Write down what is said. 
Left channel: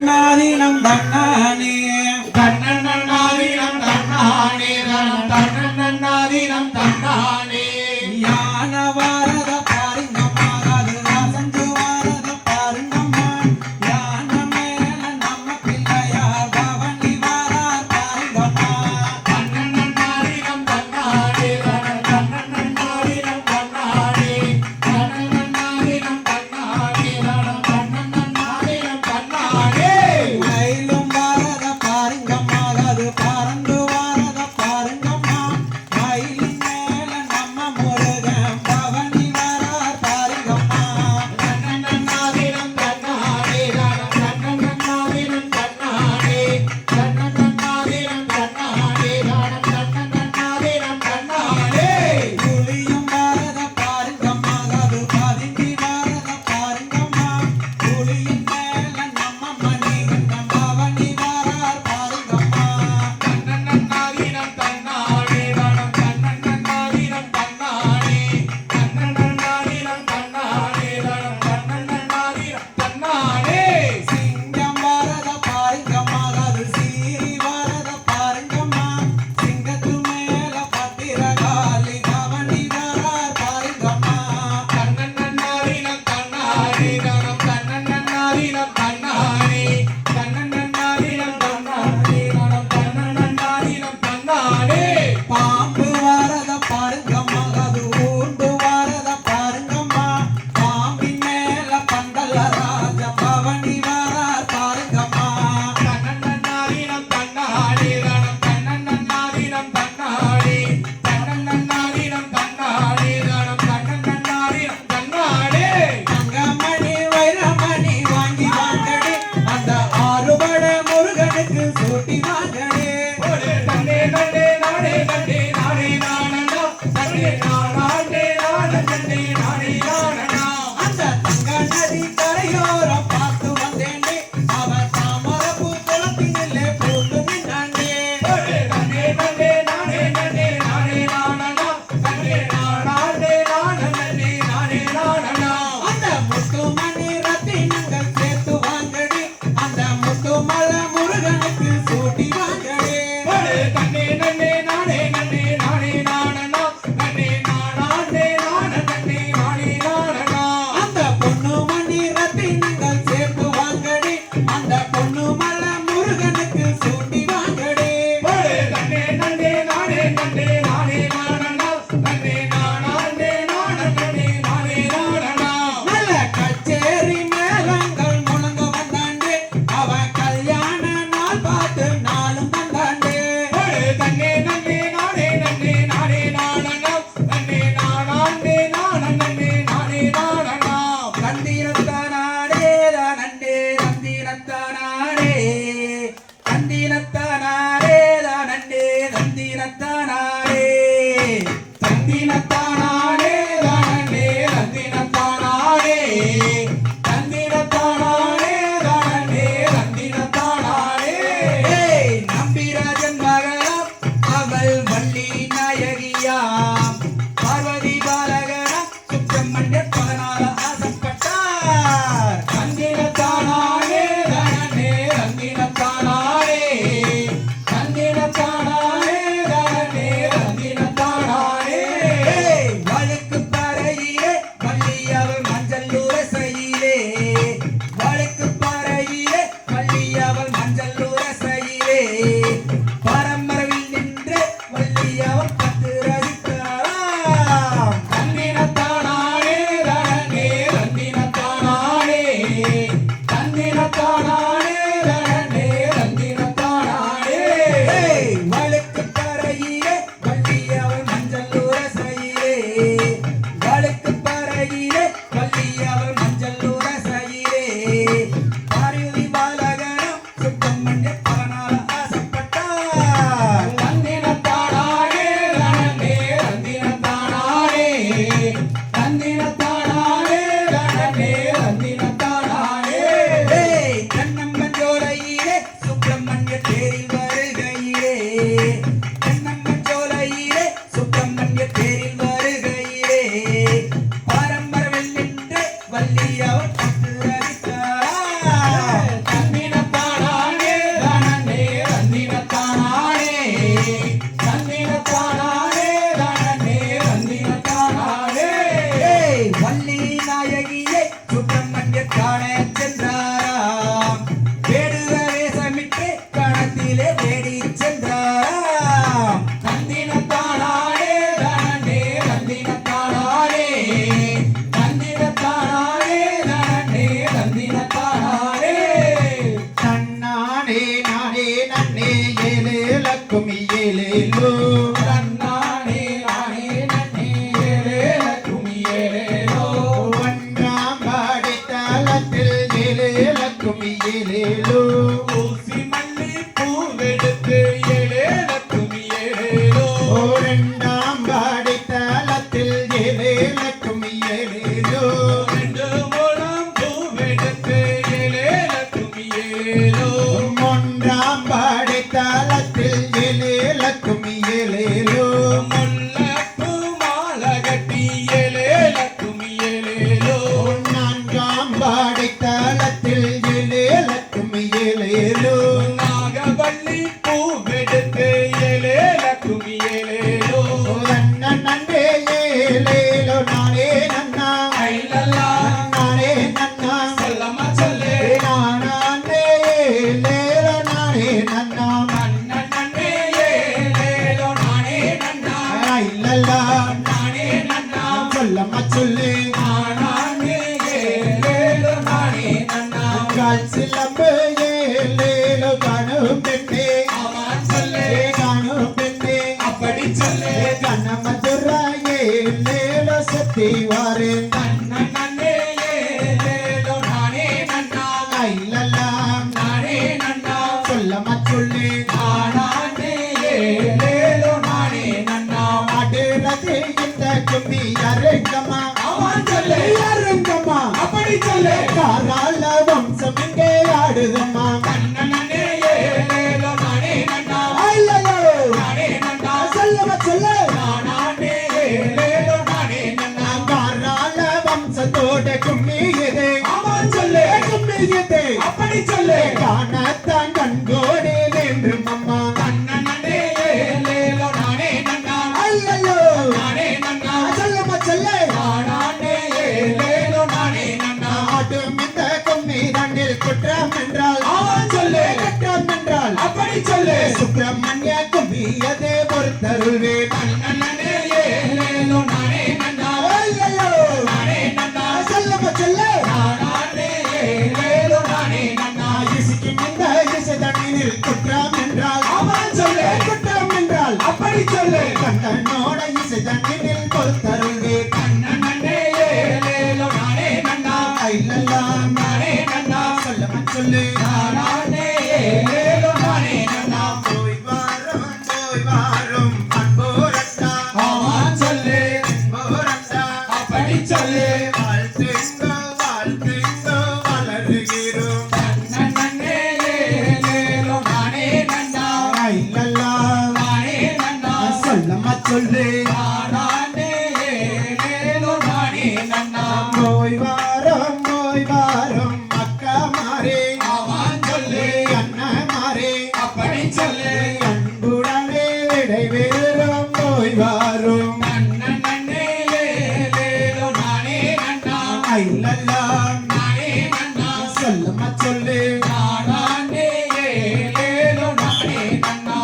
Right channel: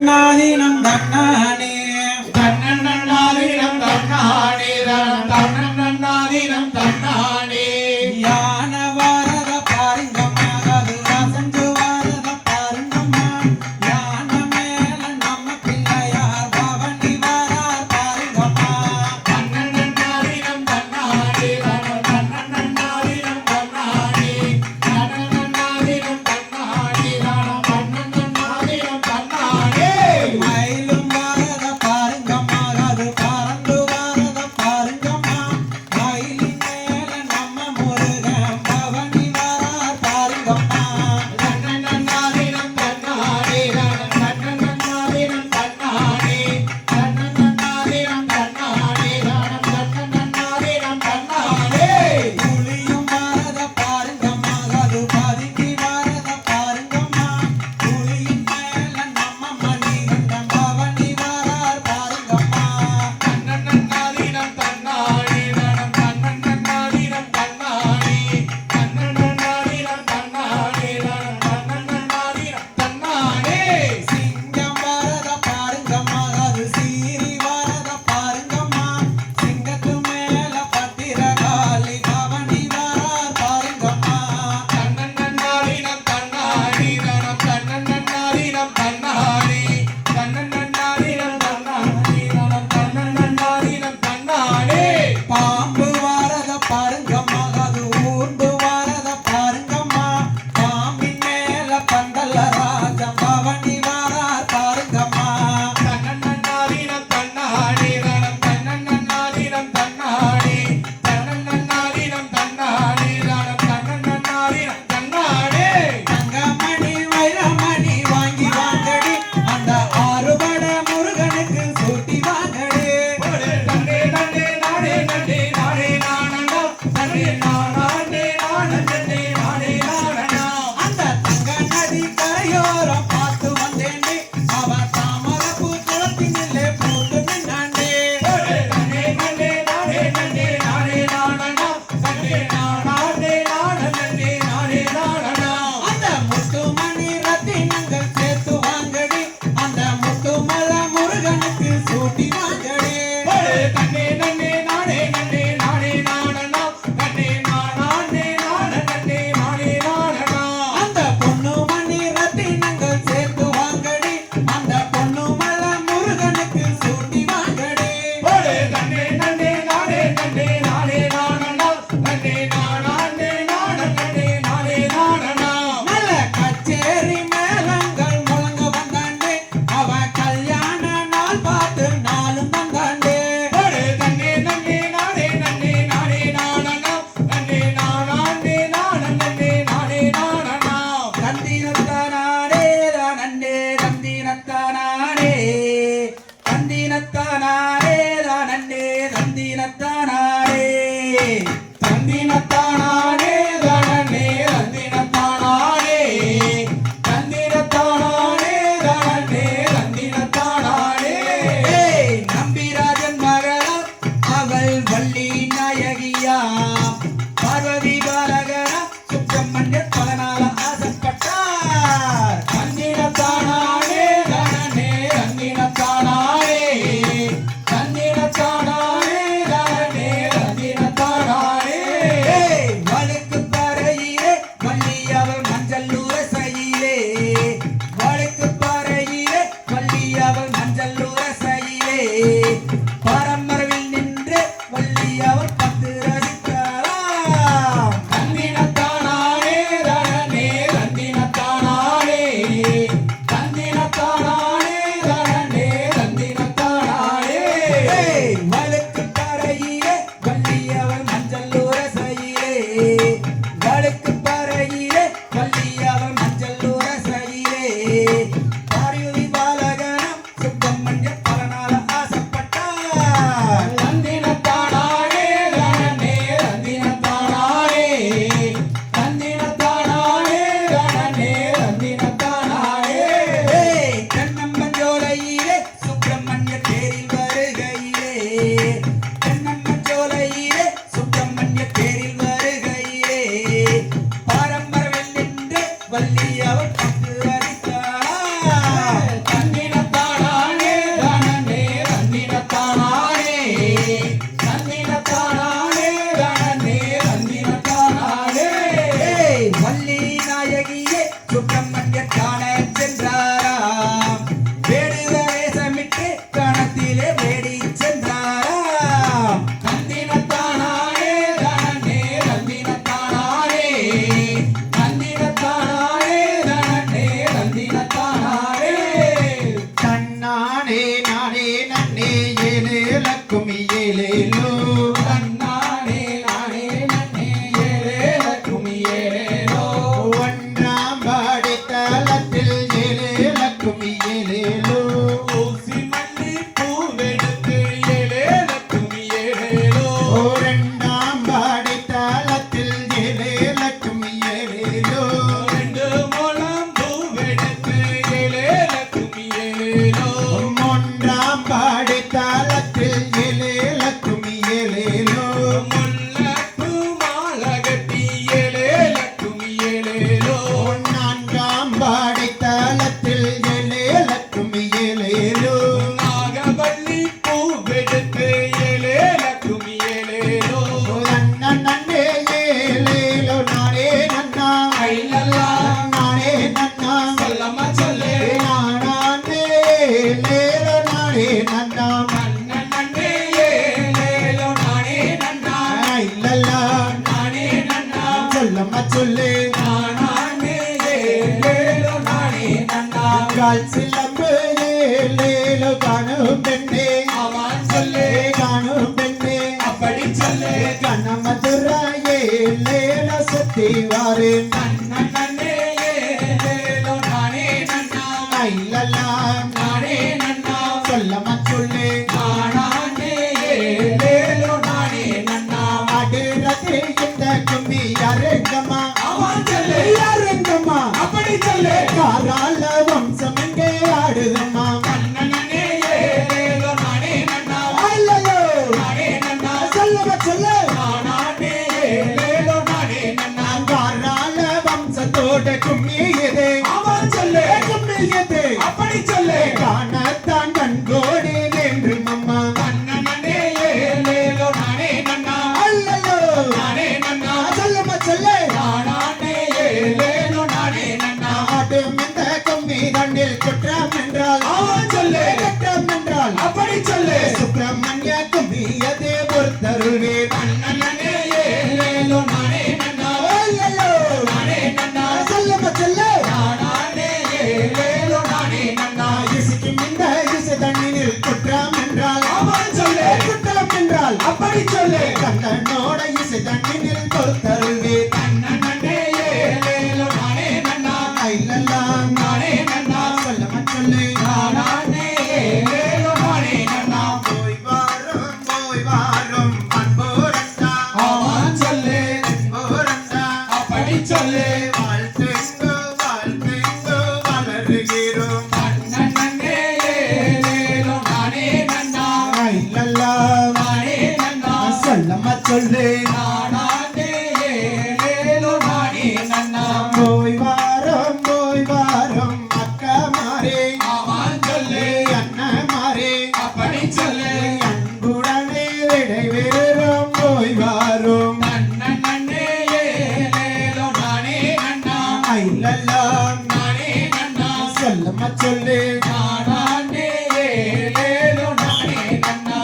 நாதினம் தன்னானே தன்னன்னாதினம் தன்னானே தன்னன்னாதினம் தன்னானே யான வாரத பாருங்கம்மாது அசஞ்சு வாரத பாருங்கம்மா யான மேல நம்ம பிள்ளையார் பவனி வாரார் பாருங்கம்மா தன்னன்னாதினம் தன்னானே தன்னன்னாதினம் தன்னானே தன்னன்னாதினம் தன்னானே தன்னன்னாதினம் தன்னானே மயிலும் வாரத பாருங்கம்மா அது பறந்து வாரத பாருங்கம்மா மயிலின் மேல நம்ம முருகன் பவனி வாரார் பாருங்கம்மா தன்னன்னாதினம் தன்னானே தன்னன்னாதினம் தன்னானே தன்னன்னாதினம் தன்னானே தன்னன்னாதினம் தன்னானே புலியும் வாரத பாருங்கம்மா அது பதுங்கி வாரத பாருங்கம்மா புலியின் மேல நம்ம மணிகண்டன் பவனி வாரார் பாருங்கம்மா தன்னன்னாதினம் தன்னானே தன்னன்னாதினம் தன்னானே தன்னன்னாதினம் தன்னானே தன்னன்னாதினம் தன்னானே சிங்கம் வாரத பாருங்கம்மா அது சீறி வாரத பாருங்கம்மா சிங்கத்து மேல பத்திரகாளி பவனி வாரார் பாருங்கம்மா தன்னன்னாதினம் தன்னானே தன்னன்னாதினம் தன்னானே தன்னன்னாதினம் தன்னானே தன்னன்னாதினம் தன்னானே பாம்பு வாரத பாருங்கம்மா அது ஊர்ந்து வாரத பாருங்கம்மா பாம்பின் மேல பந்தல ராஜ பவனி வாரார் பாருங்கம்மா தன்னன்னாதினம் தன்னானே தன்னன்னாதினம் தன்னானே தன்னன்னாதினம் தன்னானே தன்னன்னாதினம் தன்னானே தங்கமணி வைரமணி வாங்கி வாங்கடி அந்த ஆறுபட முருகனுக்கு சூட்டி வாங்கடி தன்னே தன்னே நானே தன்னே நானே நானண்டா தன்னே நானே நானே தன்னே நானே நானண்டா அந்த தங்க நதி கரையோரம் பார்த்து வந்தேன்டி அவ தாமரப்பூ குளத்தினிலே போட்டு நின்னாண்டே தன்னே தன்னே நானே தன்னே நானே நானண்டா தன்னே நானே நானே தன்னே நானே நானண்டா அந்த முத்துமணி ரத்தினங்கள் சேர்த்து வாங்கடி அந்த முத்துமல முருகனுக்கு சூட்டி வாங்கடி தன்னே தன்னே நானே தன்னே நானே நானண்டா தன்னே நானே நானே தன்னே நானே நானண்டா அந்த பொன்னுமணி ரத்தினங்கள் சேர்த்து வாங்கடி அந்த பொன்னுமல முருகனுக்கு சூட்டி வாங்கடி தன்னே தன்னே நானே தன்னே நானே நானண்டா தன்னே நானே நானே தன்னே நானே நானண்டா நல்ல கச்சேரி மேளங்கள் முழங்க வந்தாண்டே அவ கல்யாண நாள் பார்த்து நாளும் வந்தாண்டே தன்னே தன்னே நானே தன்னே நானே நானண்டா தன்னே நானே நானே தன்னே நானே நானண்டா தந்திரத்தானே தானண்டே தந்திரத்தானே தந்திரத்தானே தானண்டே தந்திரத்தானே தந்தினத்தானே தானே தந்தினத்தானே தந்தினத்தானே தானே தந்தினத்தானே நம்பிராஜன் மகளம் அவள் வள்ளி நாயகியாம் பார்வதி பாலகரம் சுப்பிரமணிய 14 ஆசைப்பட்டார் தந்தினத்தானே தானே தந்தின கும்மி ஏலேலோ தன்னானே நானே நன்னே ஏலேல கும்மி ஏலேலோ ஒன்றாம் பாடி தலத்தில் ஏலேல கும்மி ஏலேலோ ஊசி மல்லி பூவெடுத்து ஏலேல கும்மி ஏலேலோ இரண்டாம் பாடி தலத்தில் ஏலேல கும்மி ஏலேலோ ரெண்டு மூலம் பூவெடுத்து ஏலேல கும்மி ஏலேலோ மூன்றாம் பாடி தலத்தில் ஏலேல கும்மி ஏலேலோ முல்லைப்பூ மாலை கட்டி ஏலேல கும்மி ஏலேலோ நான்காம் பாடி தலத்தில் ஏலேல கும்மி ஏலேலோ நாகவல்லி பூவெடுத்து ஏலேல கும்மி ஏலேலோ நன்னே ஏலேலோ நானே நன்னா ஐலல்லா நானே நன்னா சொல்லம்மா சொல்லு நானே ஏலேலோ நானே நன்னா நன்னே ஏலேலோ நானே நன்னா இல்லல்லா நானே நன்னா சொல்லம்மா சொல்லு நானே ஏலேலோ நானே நன்னா கால் சிலம்பு ஏலேலோ காணும் பெண்ணே அவன் சொல்லு காணும் பெண்ணே அப்படி சொல்லு கண்ணமதுரா ஏலேலோ சுத்தி வாரேன் நன்னே ஏலேலோ நானே நன்னா இல்லல்லா நானே நன்னா சொல்லம்மா சொல்லு நானே ஏலேலோ நானே நன்னா அடுறது இந்த கும்மி அரங்கம்மா அவன் சொல்லு அரங்கம்மா அப்படி சொல்லு காராள வம்சம் எங்கே ஆடுதம்மா நன்னே ஏலேலோ நானே நன்னா ஐயோ நானே நன்னா சொல்லம்மா சொல்லு நானே ஏலேலோ நானே நன்னா காராள வம்சத்தோட கும்மி இது அவன் சொல்லு கும்மி இது அப்படி சொல்லு காணத்தான் கண்கோடி வேண்டும் அம்மா நன்னே ஏலேலோ நானே நன்னா ஐயோ நானே நன்னா சொல்லம்மா சொல்லு நானே ஏலேலோ நானே நன்னா ஆட்டும் இந்த கும்மி தண்டில் குற்றம் என்றால் அவன் சொல்லு குற்றம் என்றால் அப்படி சொல்லு சுப்பிரமணிய கும்மி அதே பொறுத்தருவே நன்னே ஏலேலோ நானே நன்னா ஐயோ நானே நன்னா சொல்லம்மா சொல்லு நானே ஏலேலோ நானே நன்னா இசுக்கும் இந்த இசை தண்ணீரில் குற்றம் என்றால் அவன் சொல்லு குற்றம் என்றால் அப்படி சொல்லு கண்ணனோட இசை தண்ணீரில் பொறுத்தருவே நன்னே ஏலேலோ நானே நன்னா இல்லல்லா நானே நன்னா சொல்லம்மா சொல்லு நானே ஏலேலோ நானே நன்னா போய் வாரும் அன்போரண்டா அவன் சொல்லு அன்போரண்டா அப்படி சொல்லு வாழ்த்துங்கோ வாழ்த்துங்கோ வளருகிறோம் நன்னே ஏலேலோ நானே நன்னா இல்லல்லா நானே நன்னா சொல்லம்மா சொல்லு நானே ஏலேலோ நானே நன்னா போய் வாரம் அக்கா மாறே அவன் சொல்லு அண்ணா மாறே அப்படி சொல்லு அன்புடனே விடைவேறும் போய் வாரும் நன்னே ஏலேலோ நானே நன்னா இல்லல்லா நானே நன்னா சொல்லம்மா சொல்லு நானே ஏலேலோ நானே நன்னா